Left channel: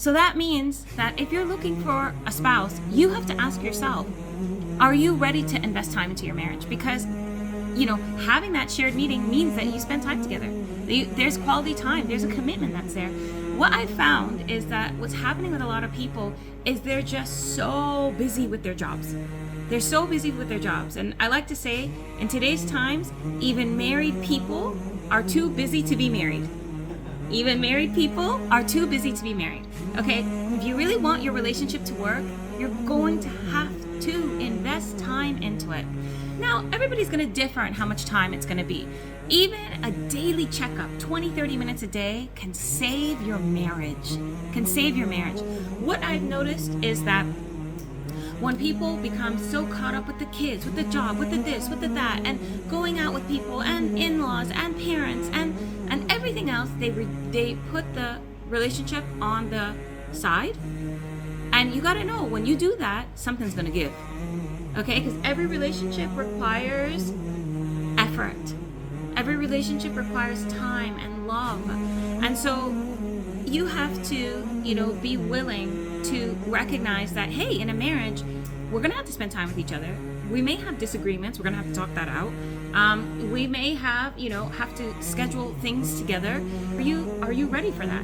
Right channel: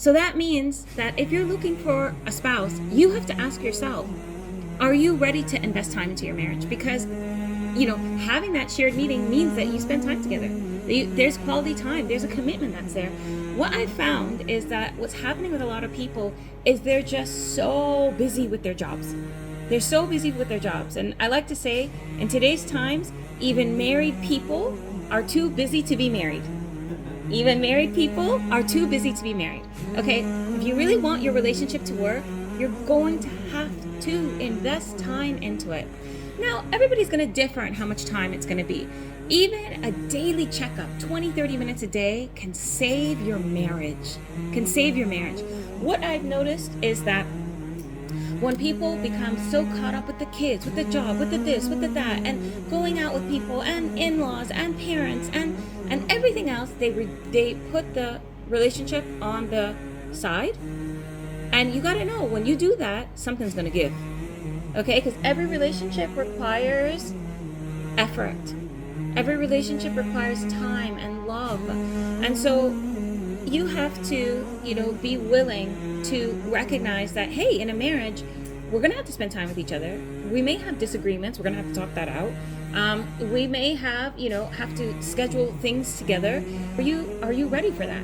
So that means that if you're looking for a spouse, you have to ask yourself, are you ready to invest time into your marriage? Because, having that shared meeting means that you spend time together. There's quality time. There's a commitment that's there. What I found is that what's happening with a lot of people is they're just so busy with their jobs. They're so busy with their jobs. And I like to say, in today's times, even married people are too busy to be married. Even married people are too busy to be married. Okay, if you really want your relationship to work, you're going to have to invest time into it. Now, everybody's going to differ on how much time it's going to be. Even a daily checkup, 20-30 minutes a day, can save your marriage. What I've noticed is that when people become so caught up with the kids, with the job, with the this, with the that, and going out with people and in-laws and parents and everything else, they put the relationship on the side. And you got to know, when you do that, something's going to give. Okay? Because every relationship requires effort. Every relationship requires time and love. And so you have to, be willing to recognize that, hey, in a marriage, we're going to have to spend time with each other. We may have disagreements. We're going to have to talk that out. We may have to schedule things together. Are you ready for that?